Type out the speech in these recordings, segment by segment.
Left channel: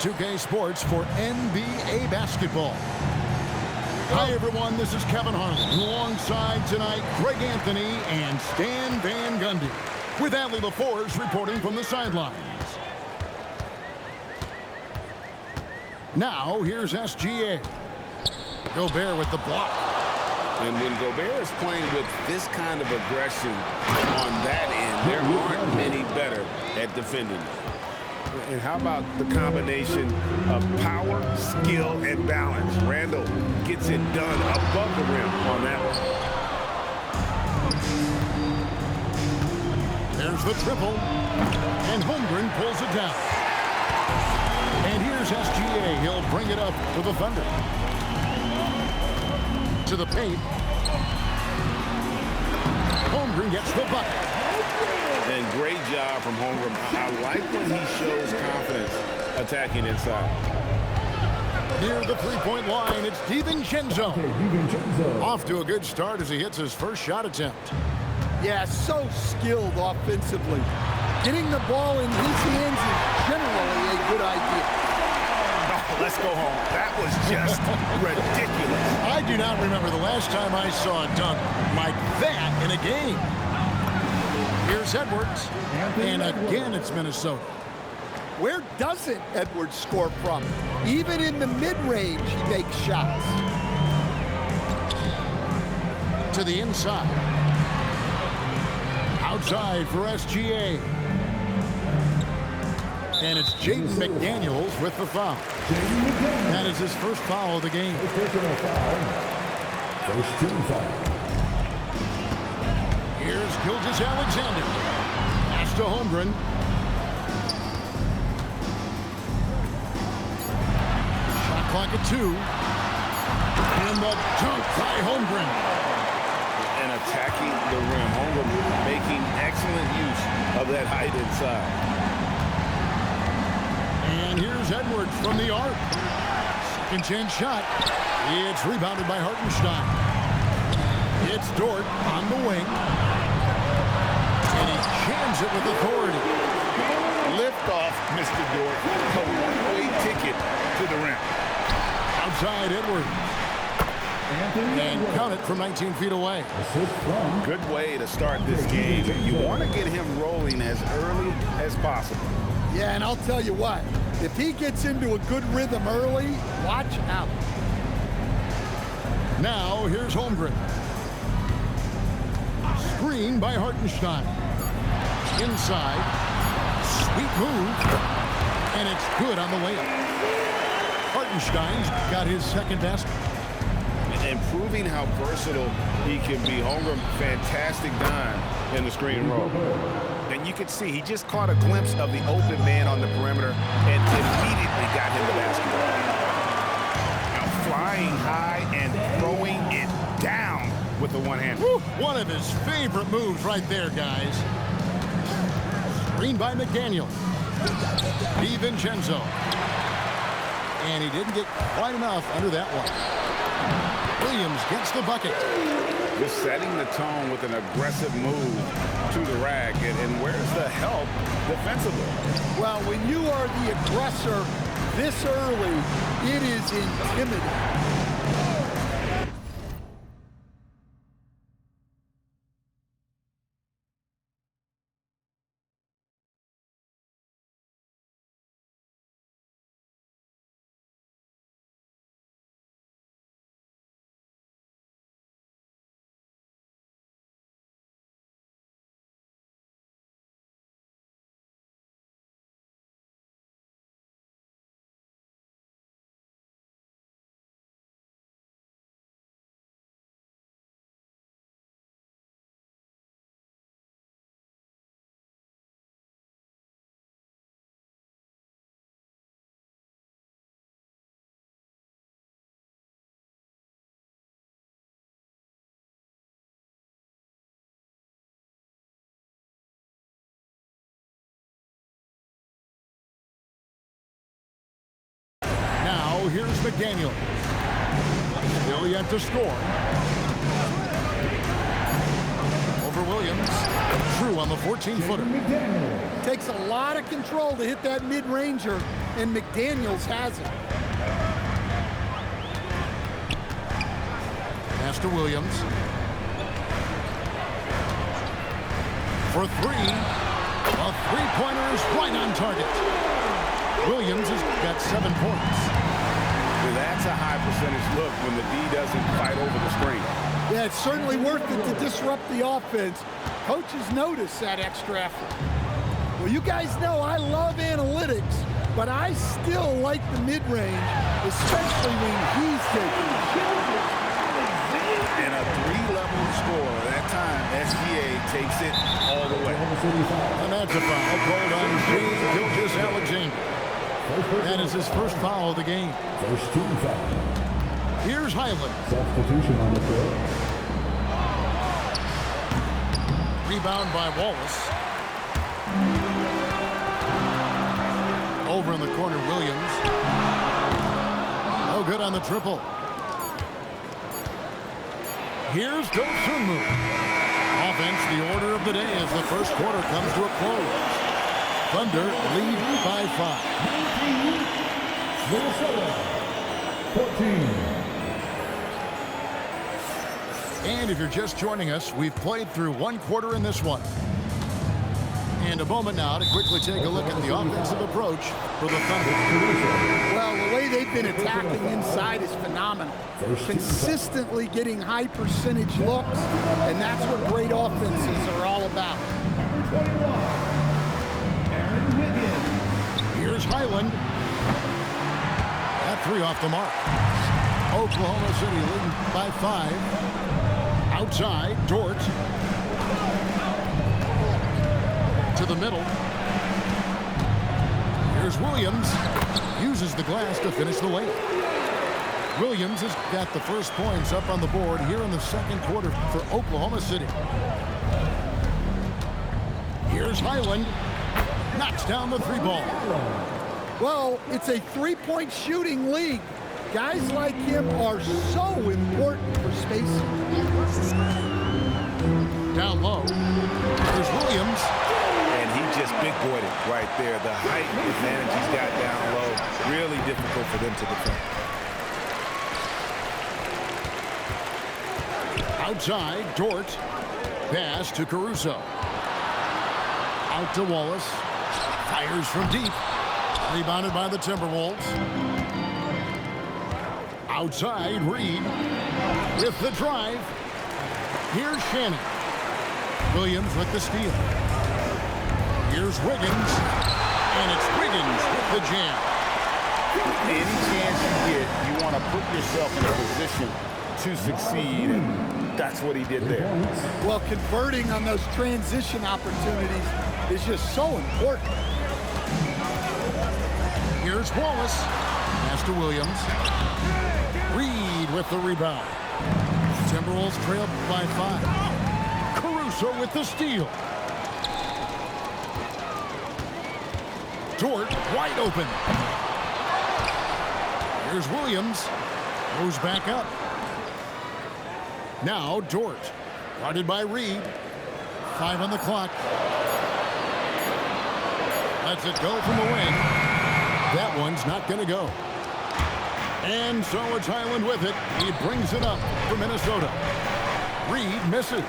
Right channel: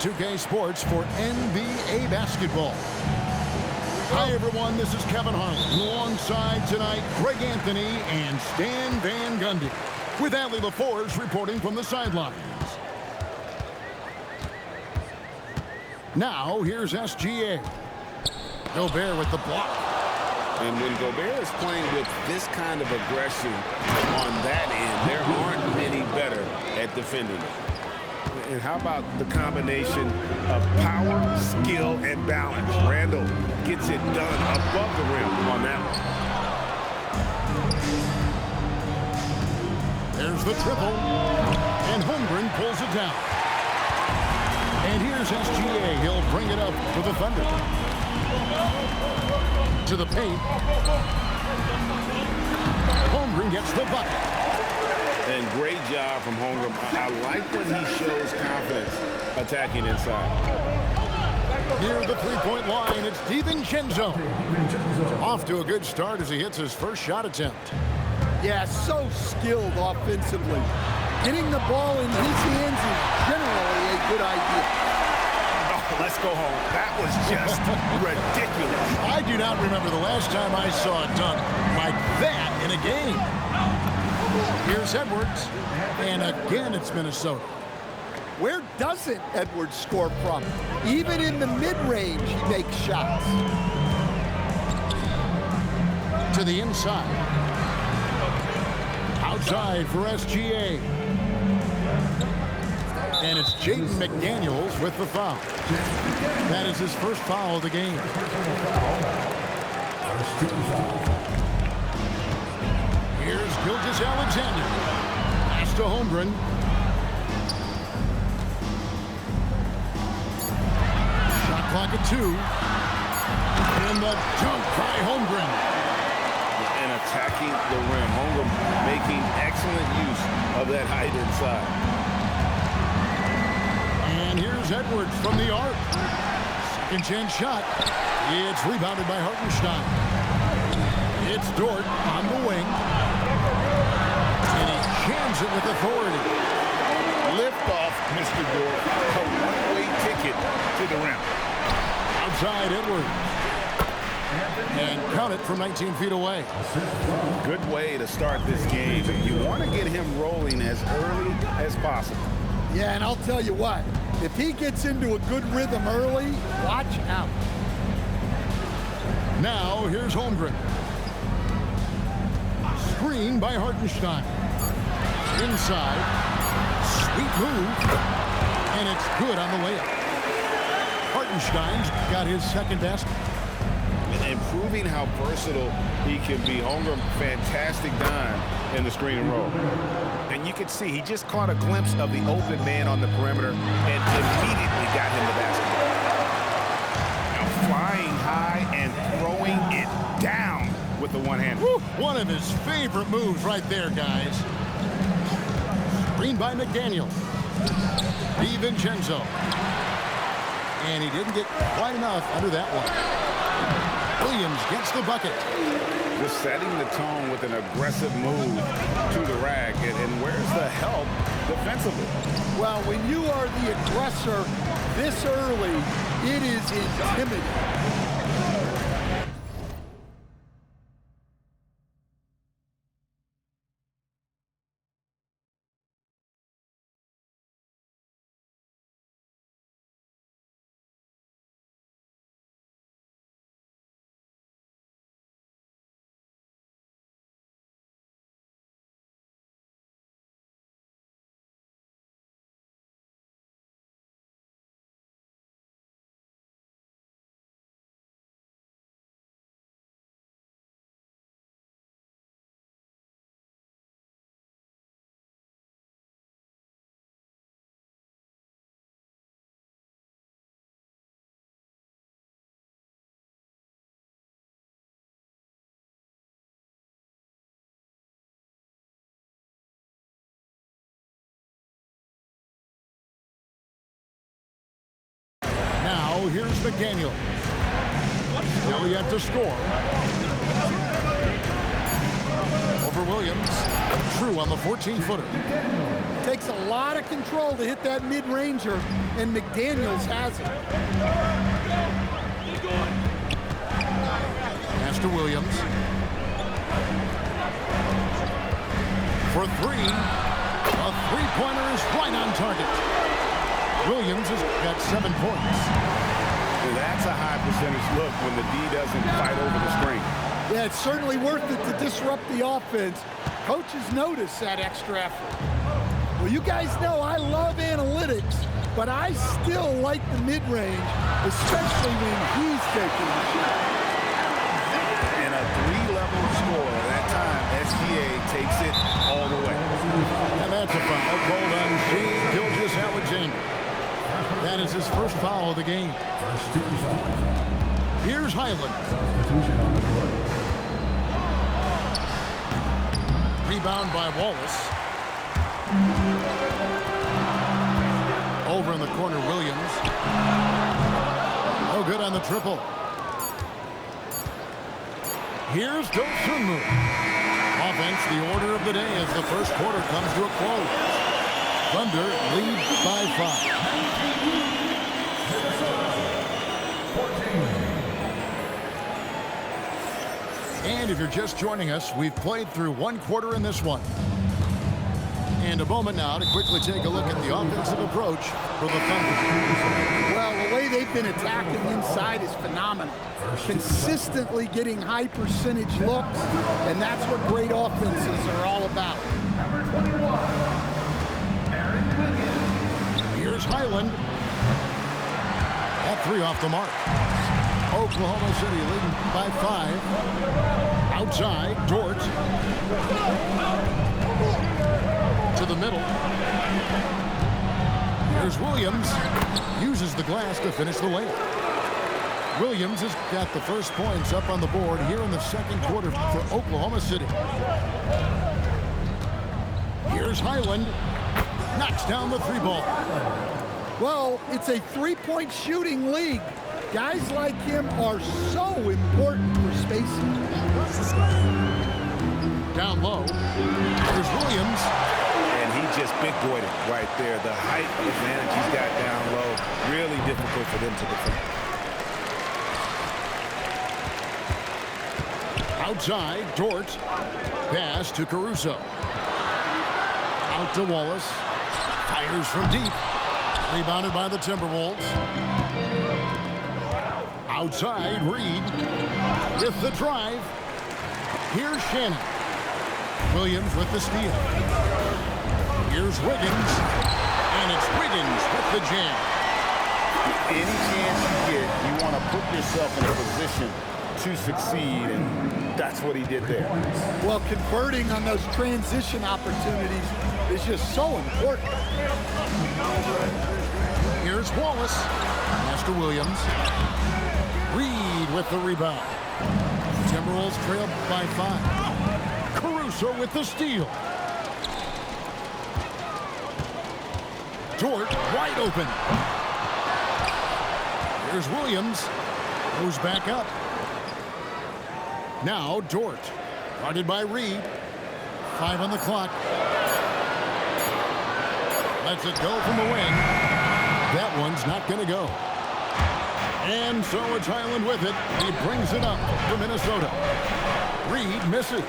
2K Sports for NBA basketball. Hi, everyone. This is Kevin Harlan. Alongside tonight, Greg Anthony and Stan Van Gundy. With Allie LaForce reporting from the sidelines. Now, here's SGA. Gobert with the block. And when Gobert is playing with this kind of aggression on that end, there aren't many better at defending it. And how about the combination of power, skill, and balance? Randall gets it done above the rim on that one. There's the triple. And Holmgren pulls it down. And here's SGA. He'll bring it up for the Thunder. To the paint. Holmgren gets the bucket. And great job from Holmgren. I like when he shows confidence attacking inside. Near the three-point line, it's DiVincenzo. Off to a good start as he hits his first shot attempt. Yeah, so skilled offensively. Getting the ball in his hands is generally a good idea. Oh, let's go home. That was just ridiculous. I do not remember the last time I saw a dunk like that in a game. Here's Edwards, and again it's Minnesota. Where doesn't Edwards score from? Even in the mid-range, he makes shots. To the inside. Outside for SGA. And it's Jaden McDaniels with the foul. That is his first foul of the game. First team foul. Here's Gilgeous-Alexander. Pass to Holmgren. Shot clock at 2. And the dunk by Holmgren. And attacking the rim. Holmgren making excellent use of that height inside. And here's Edwards from the arc. Second chance shot. It's rebounded by Hartenstein. It's Dort on the wing. And he jams it with authority. Lift off, Mr. Dort. A one-way ticket to the rim. Outside Edwards. And count it from 19 feet away. Good way to start this game. You want to get him rolling as early as possible. Yeah, and I'll tell you what. If he gets into a good rhythm early, watch out. Now, here's Holmgren. Screen by Hartenstein. Inside. Sweet move. And it's good on the layup. Hartenstein's got his second basket. And proving how versatile he can be. Holmgren, fantastic dime in the screen and roll. And you can see he just caught a glimpse of the open man on the perimeter and immediately got him the basketball. Now flying high and throwing it down with the one-hand. One of his favorite moves right there, guys. Screen by McDaniel. DiVincenzo. And he didn't get quite enough under that one. Williams gets the bucket. Just setting the tone with an aggressive move to the rack. And where's the help defensively? Well, when you are the aggressor this early, it is intimidating. Now, here's McDaniel. Still yet to score. Over Williams. True on the 14-footer. Takes a lot of control to hit that mid-ranger, and McDaniels has it. Pass to Williams. For three. A three-pointer is right on target. Williams has got 7 points. That's a high percentage look when the D doesn't fight over the screen. Yeah, it's certainly worth it to disrupt the offense. Coaches notice that extra effort. Well, you guys know I love analytics, but I still like the mid-range, especially when he's taking the shot. And a 3-level score. That time, SGA takes it all the way. And that's a foul called on Shane Gilgeous-Alexander. That is his first foul of the game. First team foul. Here's Highland. Substitution on the floor. Rebound by Wallace. Over in the corner, Williams. No good on the triple. Here's Dosunmu. Offense, the order of the day as the first quarter comes to a close. Thunder lead by 5. Minnesota, 14. And if you're just joining us, we've played through one quarter in this one. And a moment now to quickly take a look at the offensive approach for the Thunder. Well, the way they've been attacking inside is phenomenal. Consistently getting high percentage looks, and that's what great offenses are all about. Number 21, Aaron Wiggins. Here's Highland. That 3 off the mark. Oklahoma City leading by 5. Outside, Dort. To the middle. Here's Williams. Uses the glass to finish the layup. Williams has got the first points up on the board here in the second quarter for Oklahoma City. Here's Highland. Knocks down the 3 ball. Well, it's a three-point shooting league. Guys like him are so important for spacing. Down low. Here's Williams. And he just big-boyed it right there. The height advantage he's got down low, really difficult for them to defend. Outside, Dort. Pass to Caruso. Out to Wallace. Fires from deep. Rebounded by the Timberwolves. Outside, Reed. With the drive. Here's Shannon. Williams with the steal. Here's Wiggins. And it's Wiggins with the jam. Any chance you get, you want to put yourself in a position to succeed, and that's what he did there. Well, converting on those transition opportunities is just so important. Here's Wallace. Pass to Williams. Reed with the rebound. Timberwolves trail by 5. Caruso with the steal. Dort wide open. Here's Williams. Goes back up. Now Dort. Guarded by Reed. 5 on the clock. Lets it go from the wing. That one's not going to go. And so it's Highland with it. He brings it up for Minnesota. Reed misses.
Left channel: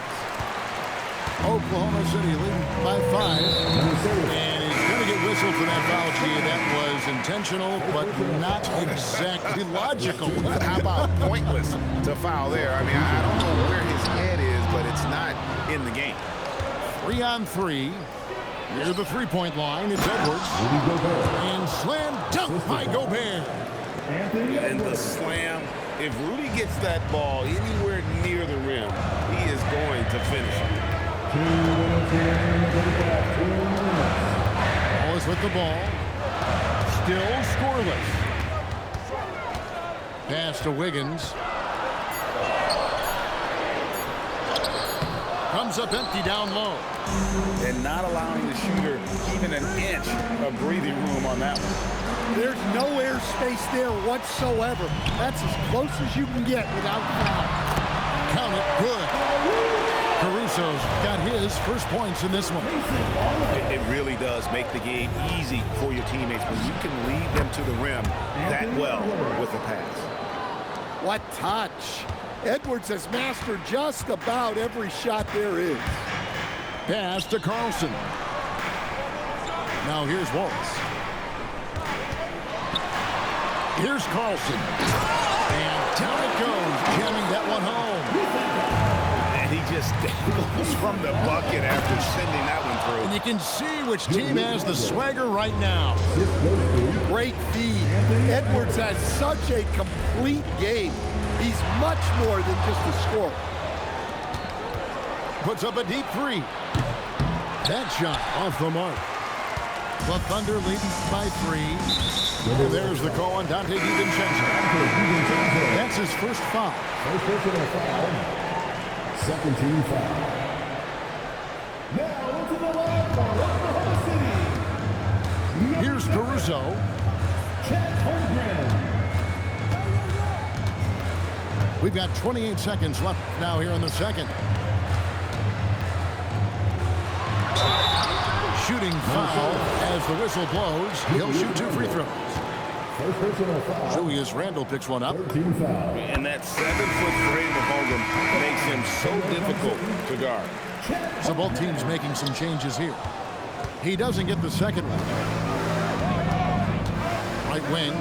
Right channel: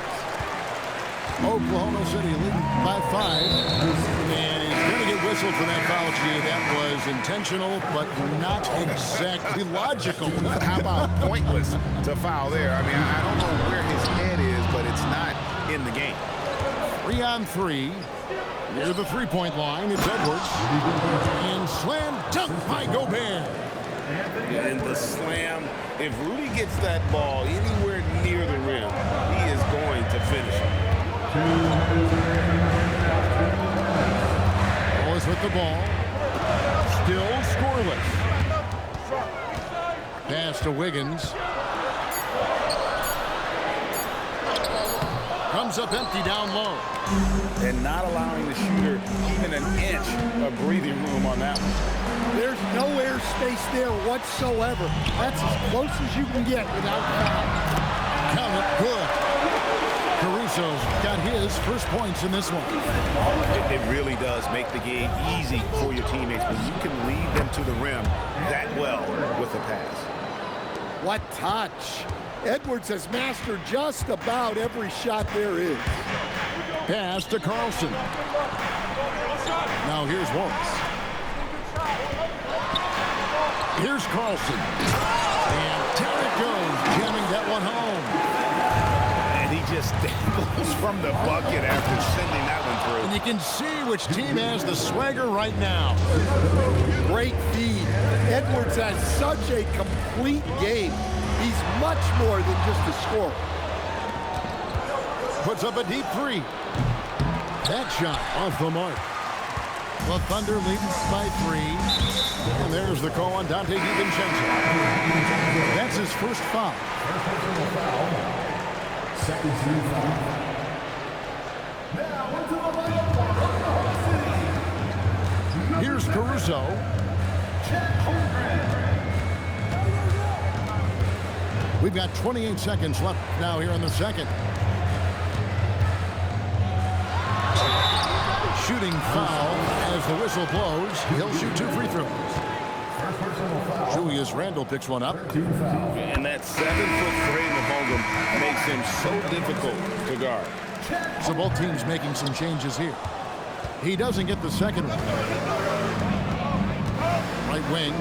Oklahoma City leading by 5. And he's going to get whistled for that foul, G. That was intentional, but not exactly logical. How about pointless to foul there? I mean, I don't know where his head is, but it's not in the game. 3 on 3. Near the three-point line, it's Edwards. And slam dunk by Gobert. And the slam, if Rudy gets that ball anywhere near the rim, he is going to finish it. Wallace with the ball. Still scoreless. Pass to Wiggins. Comes up empty down low. And not allowing the shooter even an inch of breathing room on that one. There's no air space there whatsoever. That's as close as you can get without foul. Count it, good. Caruso's got his first points in this one. It really does make the game easy for your teammates when you can lead them to the rim that well with a pass. What touch. Edwards has mastered just about every shot there is. Pass to Carlson. Now here's Wallace. Here's Carlson. And down it goes, jamming that one home. And he just dangles from the bucket after sending that one through. And you can see which team has the swagger right now. Great feed. Edwards has such a complete game. He's much more than just a scorer. Puts up a deep three. That shot off the mark. The Thunder leading by 3. And there's the call on Dante DiVincenzo. That's his first foul. First personal foul. Second team foul. Now into the line by Oklahoma City. Here's Caruso. Chet Holmgren. We've got 28 seconds left now here in the second. Shooting foul as the whistle blows. He'll shoot 2 free throws. First personal foul. Julius Randle picks one up. Team foul. And that 7-foot frame of Holmgren makes him so difficult to guard. So both teams making some changes here. He doesn't get the second one. Right wing.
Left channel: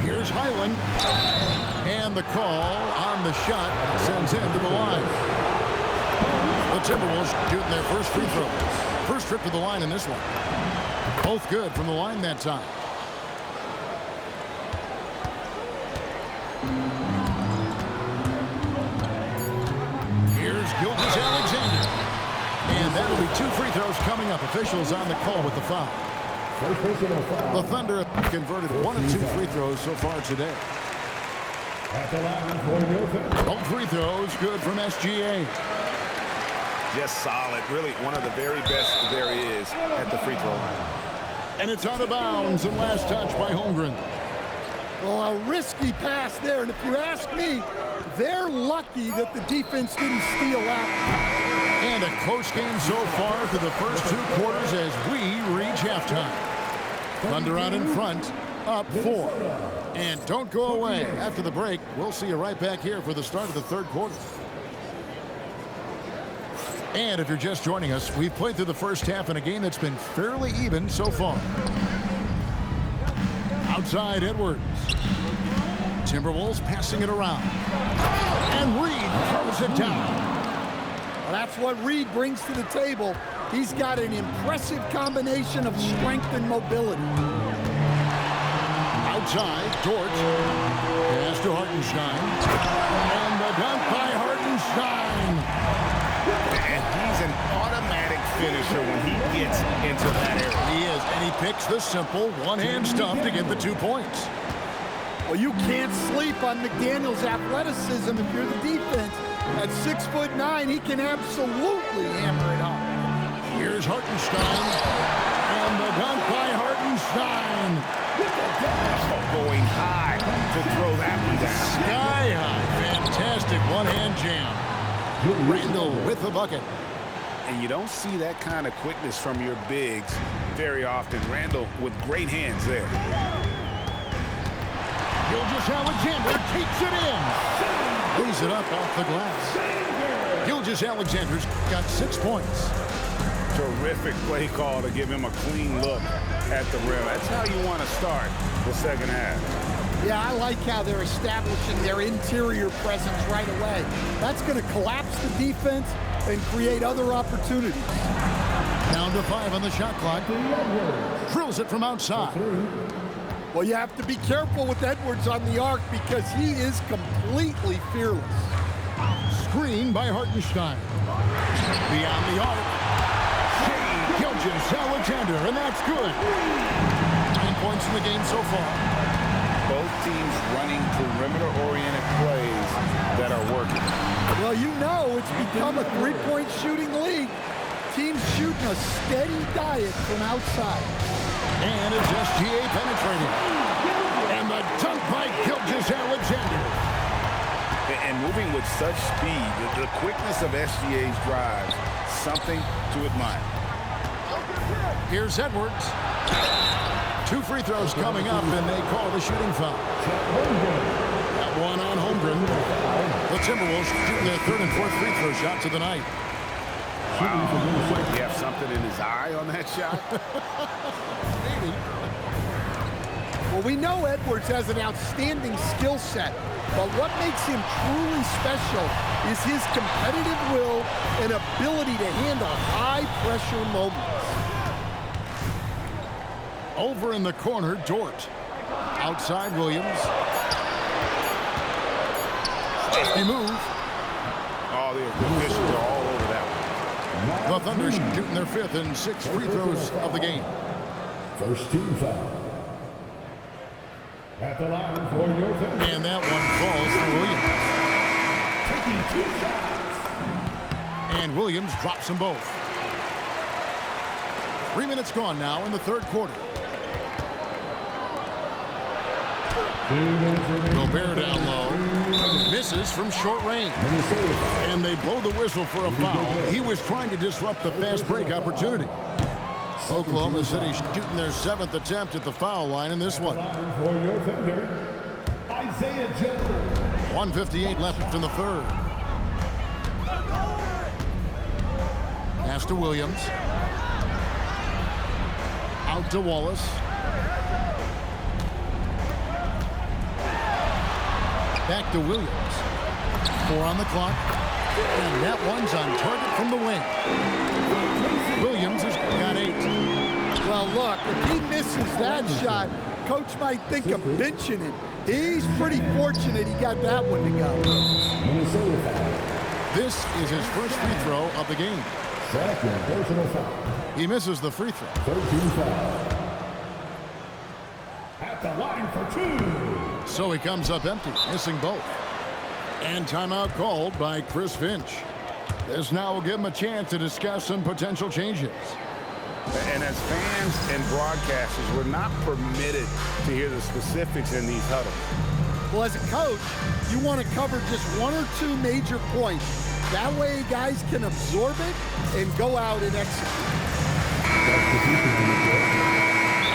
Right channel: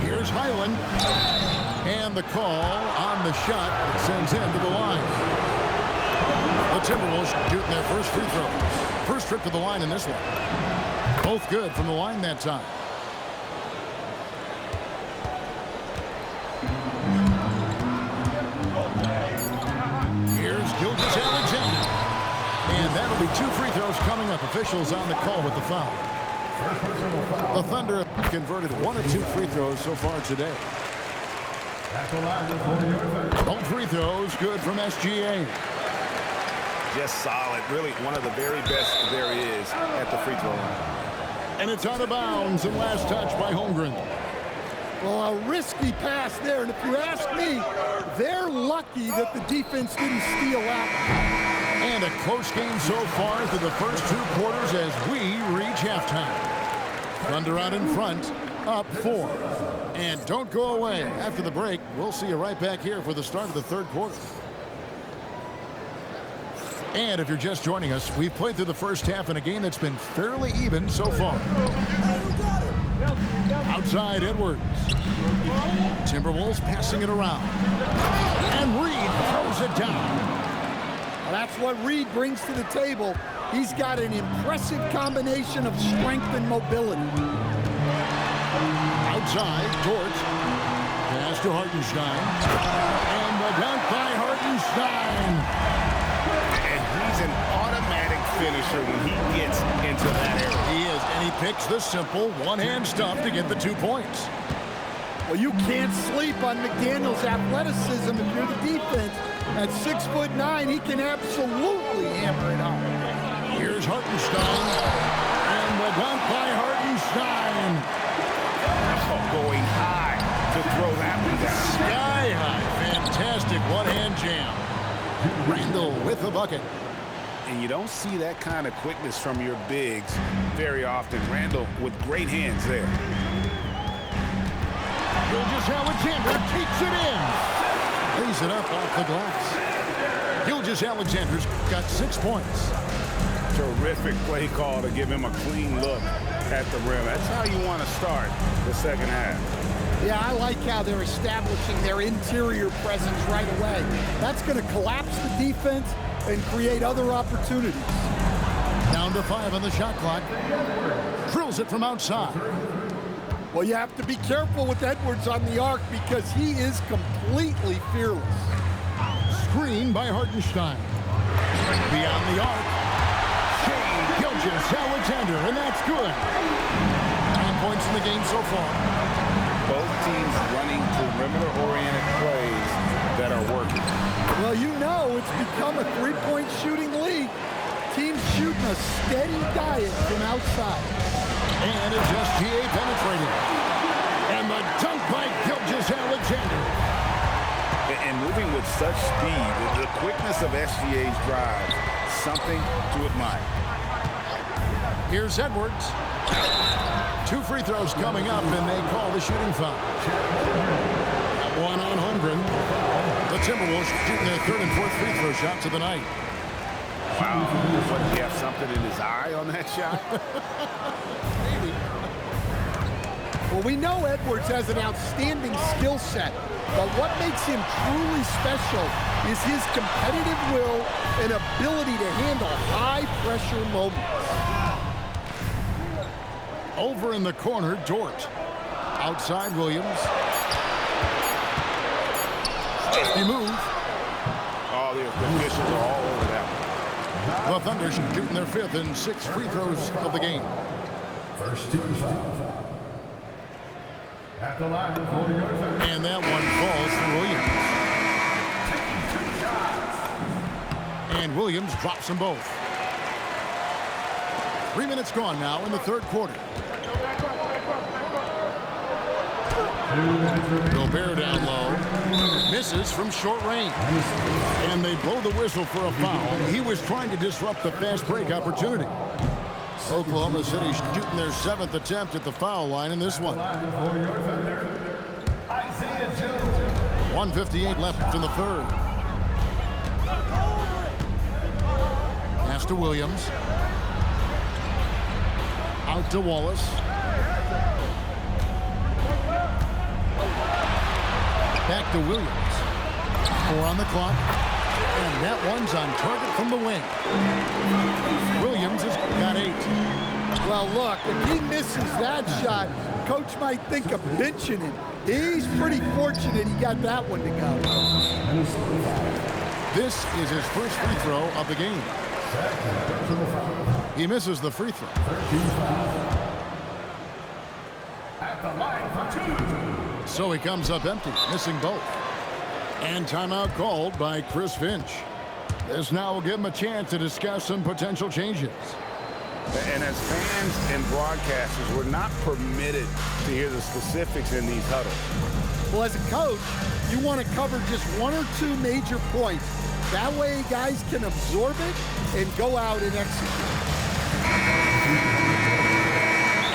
Here's Highland. And the call on the shot that sends him to the line. The Timberwolves shooting their first free throws. First trip to the line in this one. Both good from the line that time. Here's Gilgeous-Alexander. And that'll be 2 free throws coming up. Officials on the call with the foul. First personal foul. The Thunder have converted 1 of 2 free throws so far today. At the line for your third. Both free throws good from SGA. Just solid. Really one of the very best there is at the free throw line. And it's out of bounds and last touch by Holmgren. Well, a risky pass there. And if you ask me, they're lucky that the defense didn't steal out. And a close game so far through the first 2 quarters as we reach halftime. Thunder out in front, up 4. And don't go away. After the break, we'll see you right back here for the start of the 3rd quarter. And if you're just joining us, we've played through the first half in a game that's been fairly even so far. Outside Edwards. Timberwolves passing it around. And Reed throws it down. Well, that's what Reed brings to the table. He's got an impressive combination of strength and mobility. Outside, Dort. Pass to Hartenstein. And the dunk by Hartenstein. And he's an automatic finisher when he gets into that area. He is, and he picks the simple one-hand stuff to get the 2 points. Well, you can't sleep on McDaniel's athleticism if you're the defense. At 6'9", he can absolutely hammer it home. Here's Hartenstein. And the dunk by Hartenstein. Oh, going high to throw that one down. Sky high. Fantastic one-hand jam. Randle with the bucket. And you don't see that kind of quickness from your bigs very often. Randle with great hands there. Gilgeous-Alexander takes it in. Lays it up off the glass. Gilgeous-Alexander's got 6 points. Terrific play call to give him a clean look at the rim. That's how you want to start the second half. Yeah, I like how they're establishing their interior presence right away. That's going to collapse the defense and create other opportunities. Down to 5 on the shot clock. Drills it from outside. Well, you have to be careful with Edwards on the arc because he is completely fearless. Screen by Hartenstein. Beyond the arc. Shea Gilgeous-Alexander, and that's good. 9 points in the game so far. Both teams running perimeter-oriented plays that are working. Well, you know it's become a three-point shooting league. Teams shooting a steady diet from outside. And it's SGA penetrating. And the dunk by Gilgeous-Alexander. And moving with such speed, the quickness of SGA's drives, something to admire. Here's Edwards. 2 free throws coming up, and they call the shooting foul. That one on Holmgren. The Timberwolves shooting their 3rd and 4th free throw shots of the night. Wow. What, he have something in his eye on that shot? Maybe. Well, we know Edwards has an outstanding skill set, but what makes him truly special is his competitive will and ability to handle high-pressure moments. Over in the corner, Dort. Outside, Williams. Safety move. Oh, the officials are all over that one. The Thunder shooting their 5th and 6th free throws of the game. First team foul. At the line for your third. And that one falls for Williams. Taking 2 shots. And Williams drops them both. 3 minutes gone now in the 3rd quarter. Gobert down low. Misses from short range. And they blow the whistle for a foul. He was trying to disrupt the fast break opportunity. Oklahoma City shooting their 7th attempt at the foul line in this one. For your Thunder, Isaiah Jones. 1:58 left in the 3rd. Pass to Williams. Out to Wallace. Back to Williams. 4 on the clock. And that one's on target from the wing. Williams has got 8. Well, look, if he misses that shot, coach might think of benching him. He's pretty fortunate he got that one to go. This is his first free throw of the game. Second personal foul. He misses the free throw. 13 fouls. At the line for 2. So he comes up empty, missing both. And timeout called by Chris Finch. This now will give him a chance to discuss some potential changes. And as fans and broadcasters, we're not permitted to hear the specifics in these huddles. Well, as a coach, you want to cover just 1 or 2 major points. That way guys can absorb it and go out and execute.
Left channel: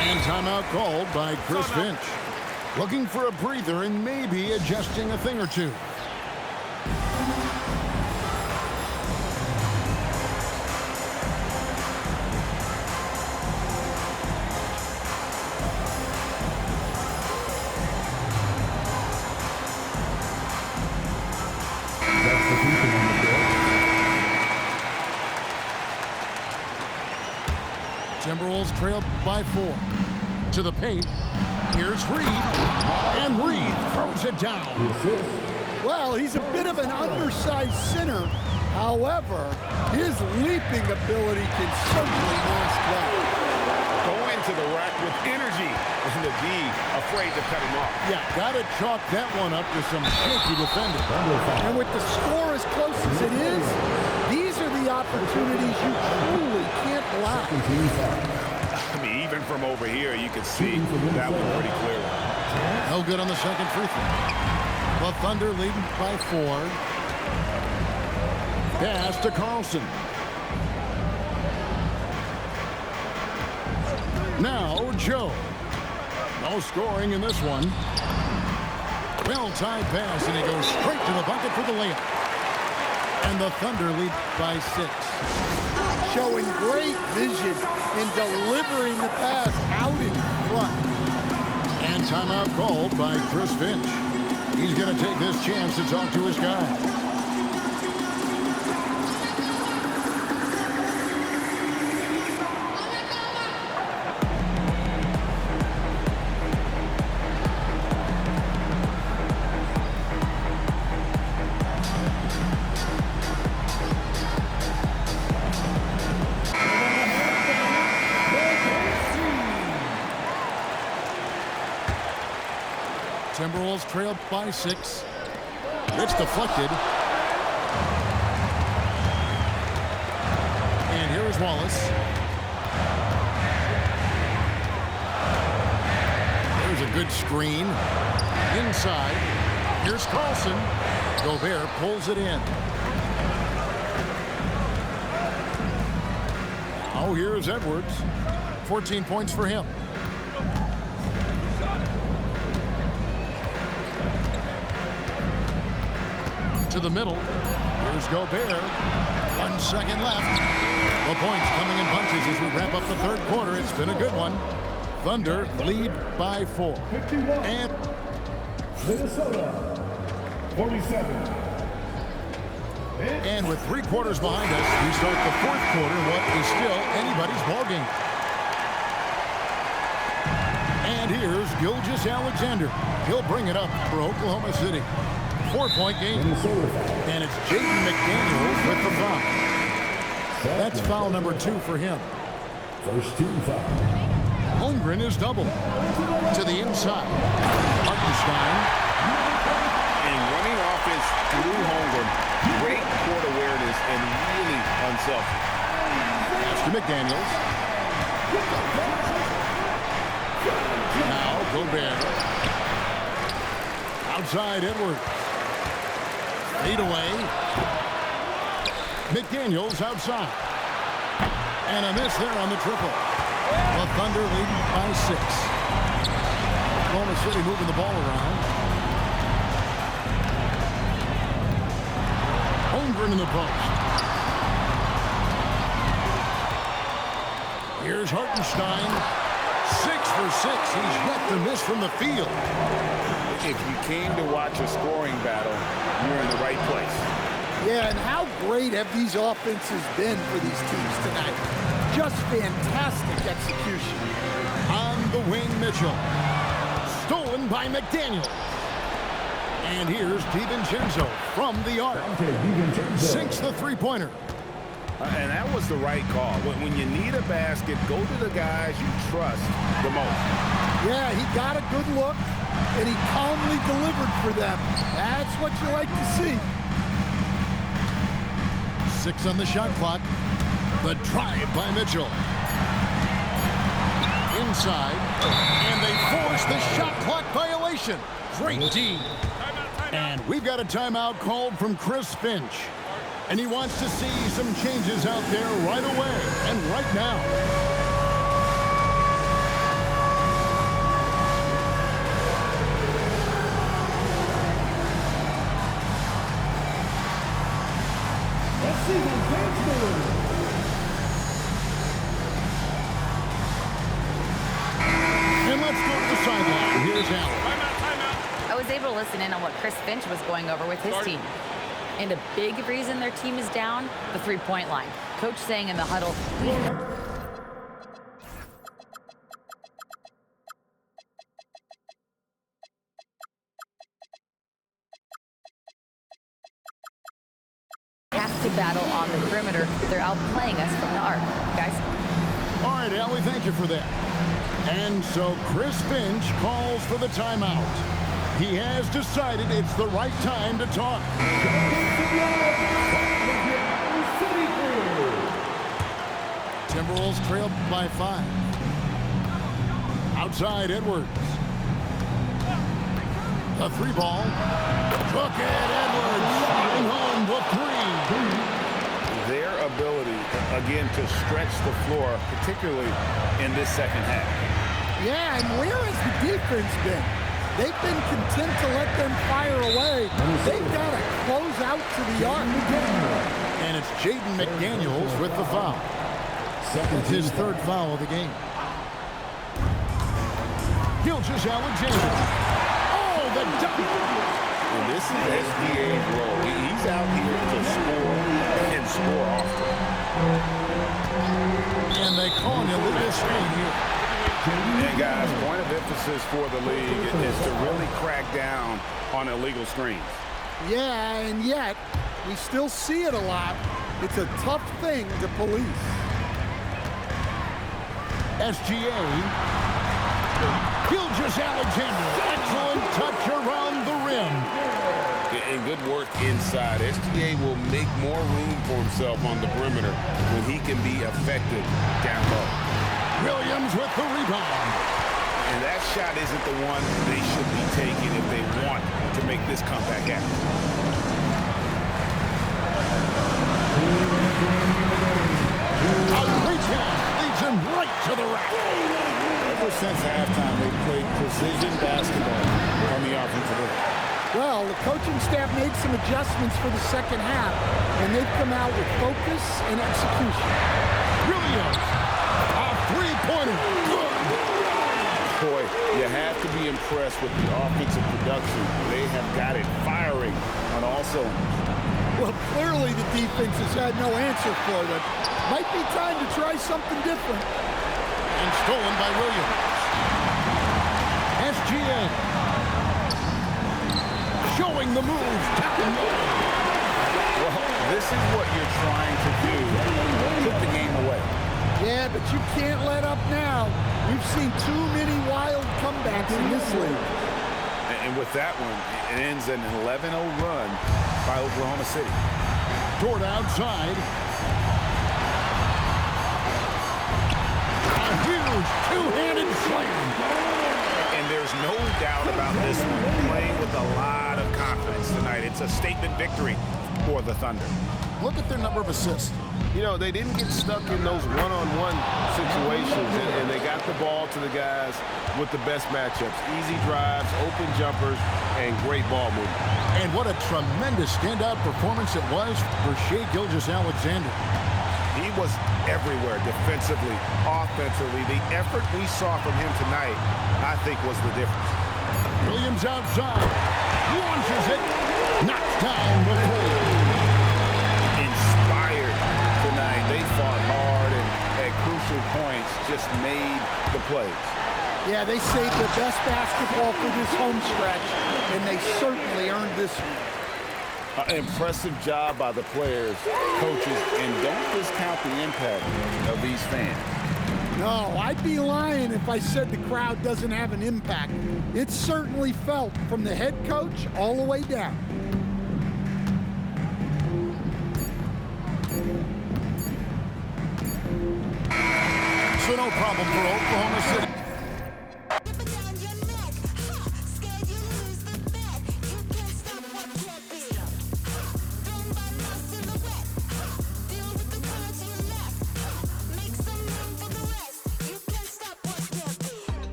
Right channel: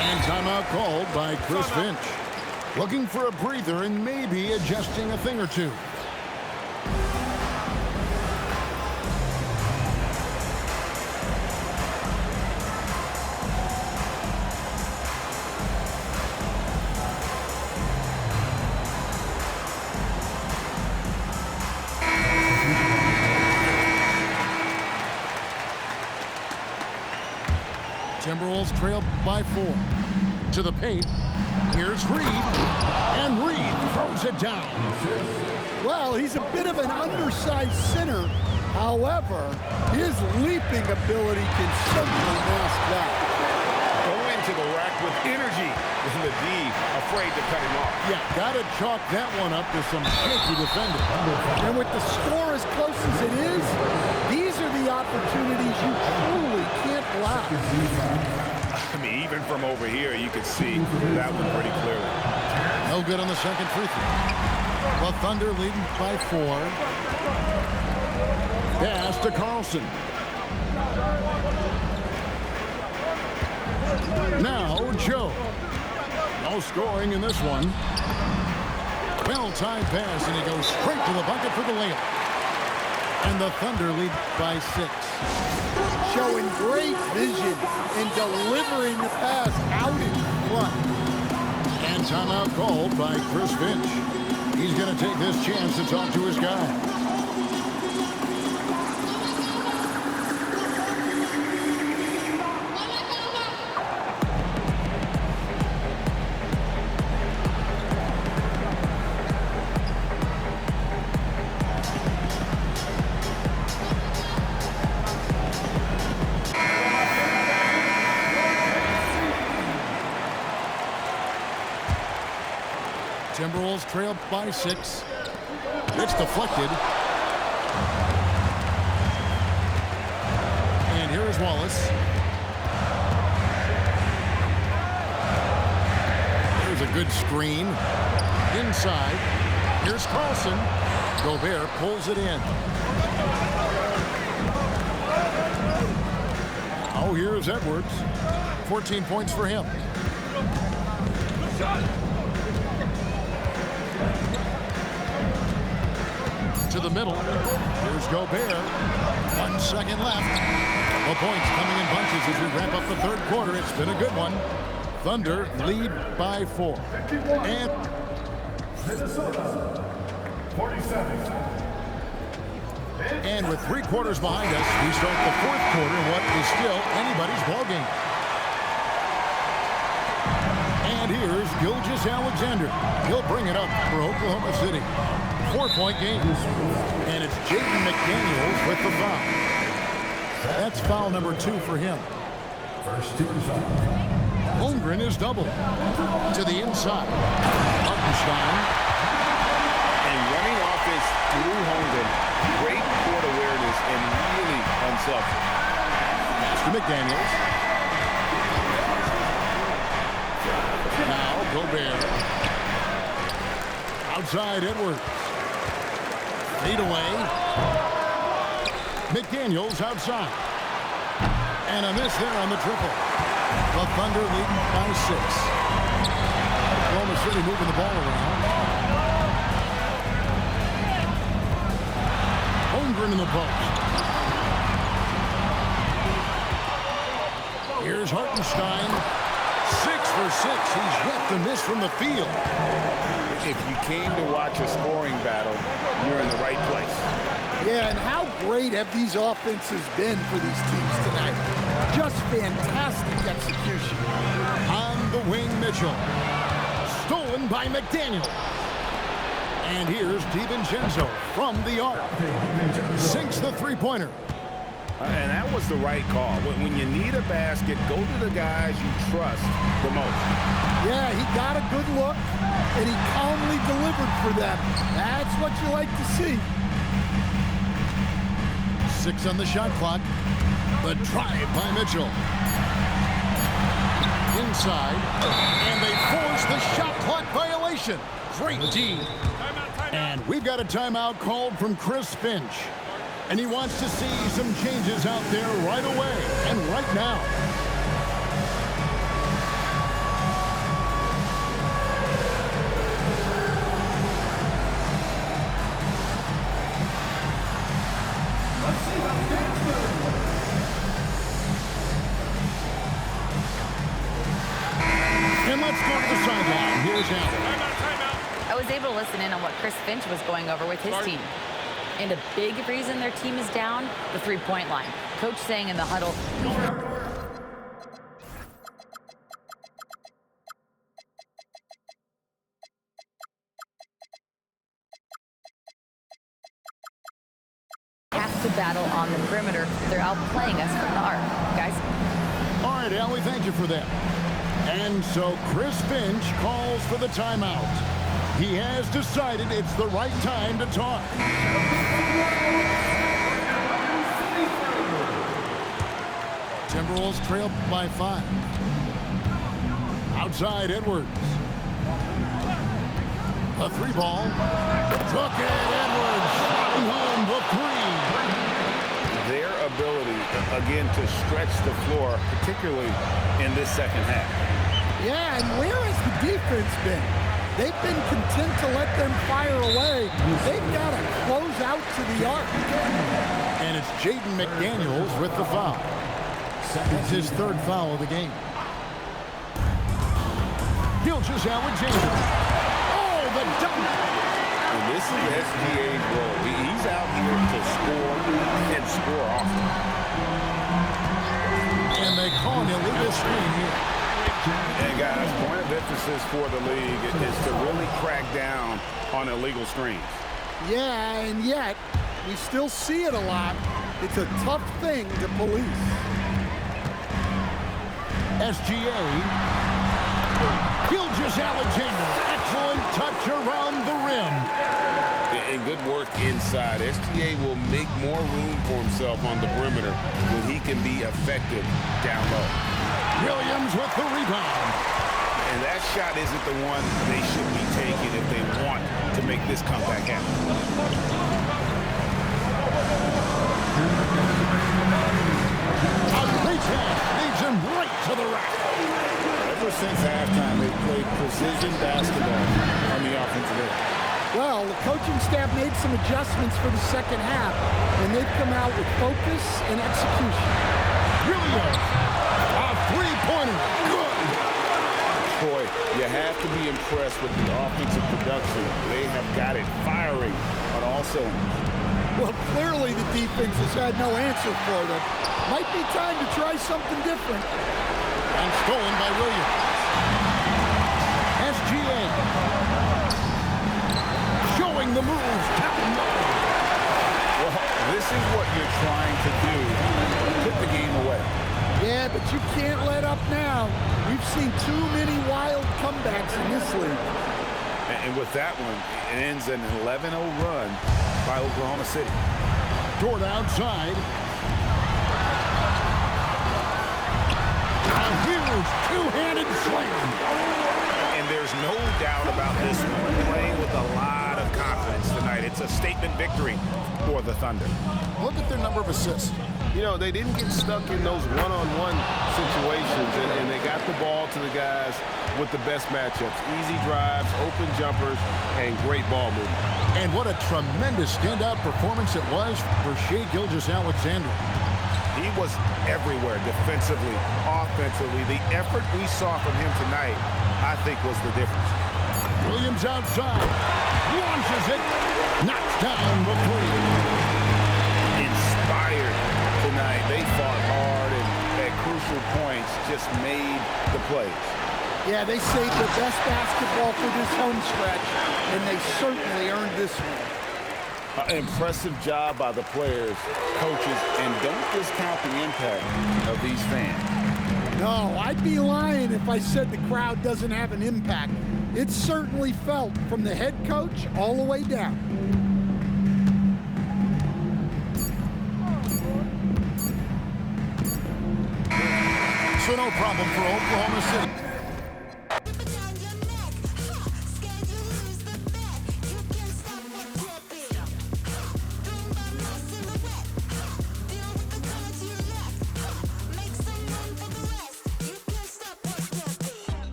And timeout called by Chris Finch. Looking for a breather and maybe adjusting a thing or two. Timberwolves trail by 4. To the paint. Here's Reed. And Reed throws it down. Well, he's a bit of an undersized center. However, his leaping ability can certainly mask that. Going to the rack with energy. And the D afraid to cut him off. Yeah, got to chalk that one up to some shaky defending. And with the score as close as it is, these are the opportunities you truly can't allow. I mean, even from over here, you could see that one pretty clearly. No good on the second free throw. The Thunder leading by 4. Pass to Carlson. Now Joe. No scoring in this one. Well-timed pass, and he goes straight to the bucket for the layup. And the Thunder lead by 6. Showing great vision and delivering the pass out in front. And timeout called by Chris Finch. He's going to take this chance to talk to his guys. Timberwolves trail by 6. It's deflected. And here is Wallace. There's a good screen. Inside. Here's Carlson. Gobert pulls it in. Now here's Edwards. 14 points for him. To the middle. Here's Gobert. 1 second left. The points coming in bunches as we wrap up the third quarter. It's been a good one. Thunder lead by 4. And Minnesota, 47. And with 3 quarters behind us, we start the fourth quarter in what is still anybody's ballgame. And here's Gilgeous-Alexander. He'll bring it up for Oklahoma City. 4-point game. And it's Jaden McDaniels with the foul. That's foul number 2 for him. First team foul. Holmgren is doubled. To the inside. Hartenstein. And running offense through Holmgren. Great court awareness and really unselfish. Pass to McDaniels. Now Gobert. Outside Edwards. Fade away. McDaniels outside. And a miss there on the triple. The Thunder leading by 6. Oklahoma City moving the ball around. Holmgren in the post. Here's Hartenstein. 6 for 6. He's yet to miss from the field. If you came to watch a scoring battle, you're in the right place. Yeah, and how great have these offenses been for these teams tonight? Just fantastic execution. On the wing, Mitchell. Stolen by McDaniel. And here's DiVincenzo from the arc. Sinks the three-pointer. And that was the right call. When you need a basket, go to the guys you trust the most. Yeah, he got a good look, and he calmly delivered for them. That's what you like to see. 6 on the shot clock. The drive by Mitchell. Inside. And they force the shot clock violation. Great D. And we've got a timeout called from Chris Finch. And he wants to see some changes out there right away and right now. Let's see the bench movement. And let's go to the sideline. Here's Allen. Timeout. I was able to listen in on what Chris Finch was going over with his team. And a big reason their team is down, the three-point line. Coach saying in the huddle, we have to battle on the perimeter. They're outplaying us from the arc. Guys? All right, Allie, thank you for that. And so Chris Finch calls for the timeout. He has decided it's the right time to talk. Timberwolves trail by 5. Outside Edwards. The 3-ball. Took it, Edwards. Shooting home the 3. Their ability, again, to stretch the floor, particularly in this second half. Yeah, and where has the defense been? They've been content to let them fire away. They've got to close out to the arc. And it's Jaden McDaniels with the foul. That's his 3rd foul of the game. Gilgeous-Alexander. Oh, the dunk. And this is SGA's role. He's out here to score and score often. And they call an illegal screen here. And guys, point of emphasis for the league is to really crack down on illegal screens. Yeah, and yet we still see it a lot. It's a tough thing to police. SGA. Gilgeous-Alexander. Excellent touch around the rim. And good work inside. SGA will make more room for himself on the perimeter when he can be effective down low. Williams with the rebound. And that shot isn't the one they should be taking if they want to make this comeback happen. A great pass leads him right to the rack. Ever since halftime, they've played precision basketball on the offensive end. Well, the coaching staff made some adjustments for the second half, and they've come out with focus and execution. Williams, a three-pointer, good. Boy, you have to be impressed with the offensive production. They have got it firing on all cylinders. Well, clearly the defense has had no answer for them. Might be time to try something different. And stolen by Williams. SGA. Showing the moves down low. Well, this is what you're trying to do. Put the game away. Yeah, but you can't let up now. We've seen too many wild comebacks in this league. And with that one, it ends an 11-0 run by Oklahoma City. Dort outside. A huge two-handed slam. And there's no doubt about this one. Playing with a lot of confidence tonight. It's a statement victory for the Thunder. Look at their number of assists. You know, they didn't get stuck in those one-on-one situations, and they got the ball to the guys with the best matchups. Easy drives, open jumpers, and great ball movement. And what a tremendous standout performance it was for Shai Gilgeous-Alexander. He was everywhere defensively, offensively. The effort we saw from him tonight, I think, was the difference. Williams outside. Launches it. Knocks down the three. Inspired tonight. They fought hard and at crucial points just made the plays. Yeah, they saved the best basketball for this home stretch, and they certainly earned this one. Impressive job by the players, coaches, and don't discount the impact of these fans. No, I'd be lying if I said the crowd doesn't have an impact. It's certainly felt from the head coach all the way down. So no problem for Oklahoma City.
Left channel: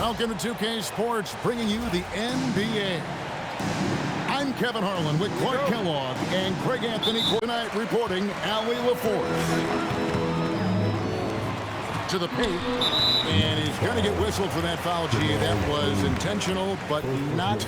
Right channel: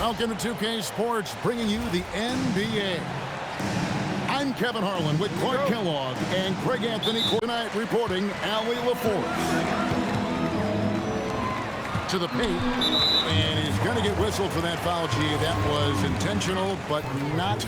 Welcome to 2K Sports, bringing you the NBA. I'm Kevin Harlan with Clark Kellogg and Craig Anthony tonight reporting Allie LaForce. To the paint, and he's going to get whistled for that foul, G. That was intentional, but not